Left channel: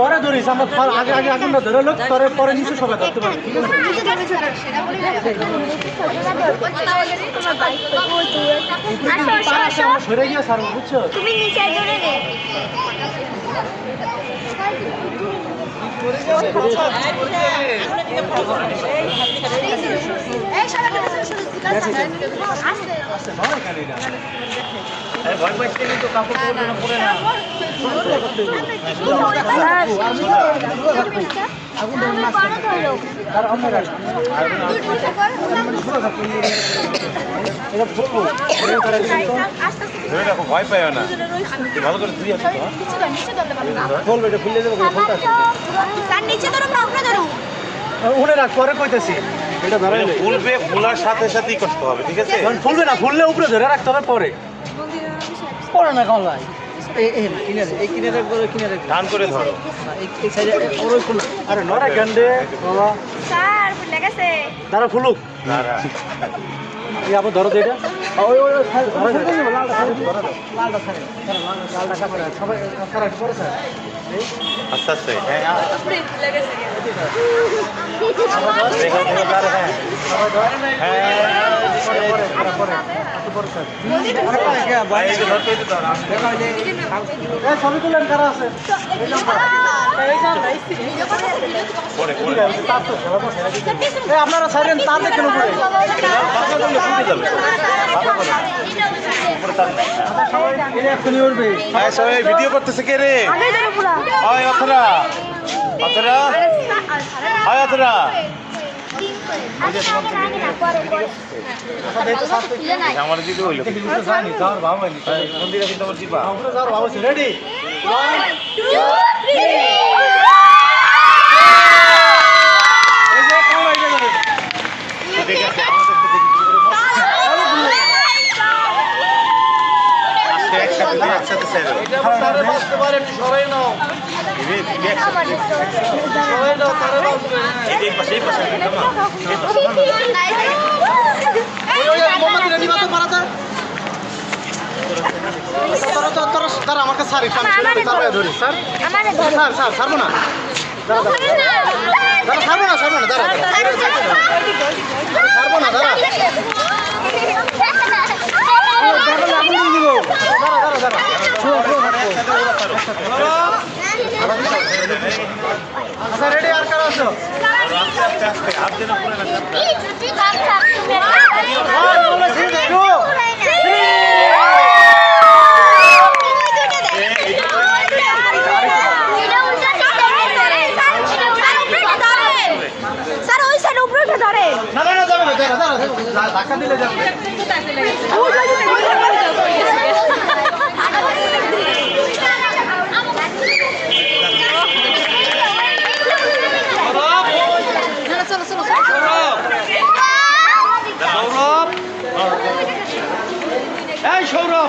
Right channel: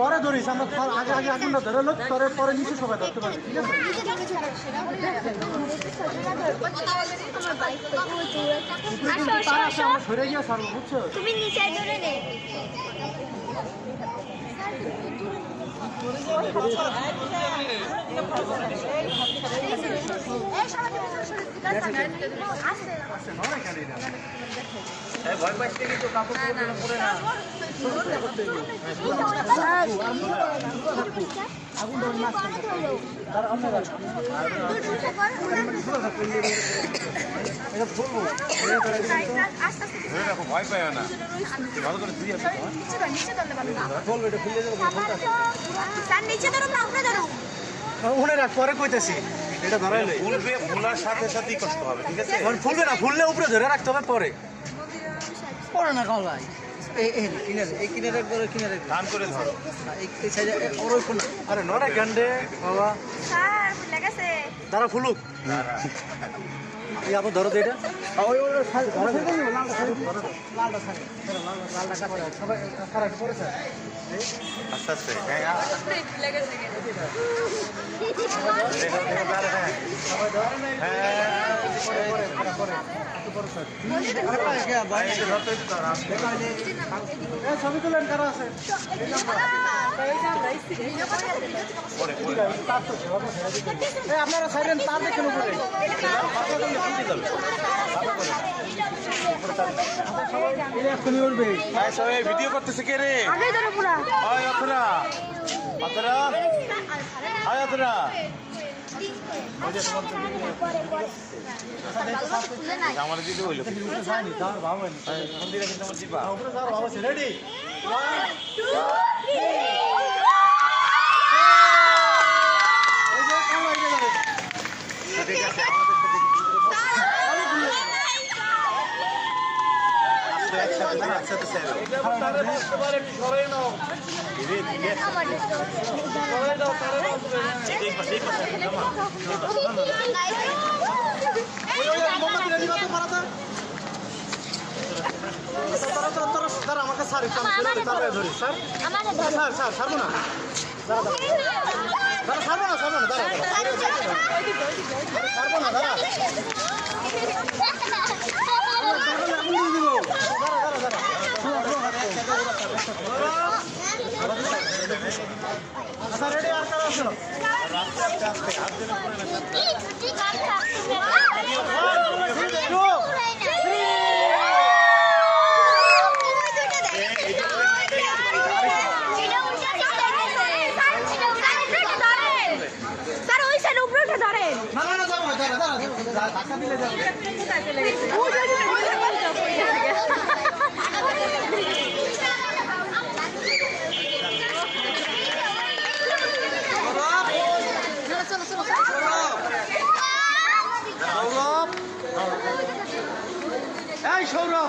পরে ধরিস আমরা আগে আগে আগুনটা ধরে লোক পরে পরে নিচে সবাই ধরতে পারবে ঠিক আছে আমরা সরে গিয়ে সারবো বুঝছো তুমি নিচে ধরে নে এই সবাই ভয় পাইছে কিন্তু কাপড় পরে না আর আমরা ভয় পাই না ভালো করে তুই বলবে এটা খুলে দেবো উনি রাখ পরে কইতেছি এটা ধরে ফুলবে ফুলার সাথে সাথেই করতে হবে ঠিক আছে ফুলবে না ফুললে উপরে ধরে রাখতে হবে পরে পরে না কম ভাই ধান করে ধরো আরে নরে গন্ডে বাবা স্যার ফুলে গেছে দাঁড়া ফুলুক দাঁড়া এই আপনি ধরো তো এটা ওই ওই সবাই কারেক্ট করে স্যার আস্তে আস্তে হ্যাঁ ছবি তুলেন কারা আছে আপনারা ছাড়েন তার দেখেন উপরে সবাই ভিডিও করতেছে কে রে অথরা অথরা হয় অথরা আমার দিদি হইলো মন্দিরে কিন্তু আমার দিবা রেডি 1 2 আমাকে স্যার ধরি স্যার স্যার ছাড়বো না ছাড়বো না ছাড়বো না দাঁড়া ছাড়বো না দাঁড়া আচ্ছা রেডি আর কারা আছো হাত দিন উপরে না স্যার ওই সাইড উপরে উঠে ধরে না না যাবে না দাঁড়া ধাক্কা দিলে যাবে এই সৌরভ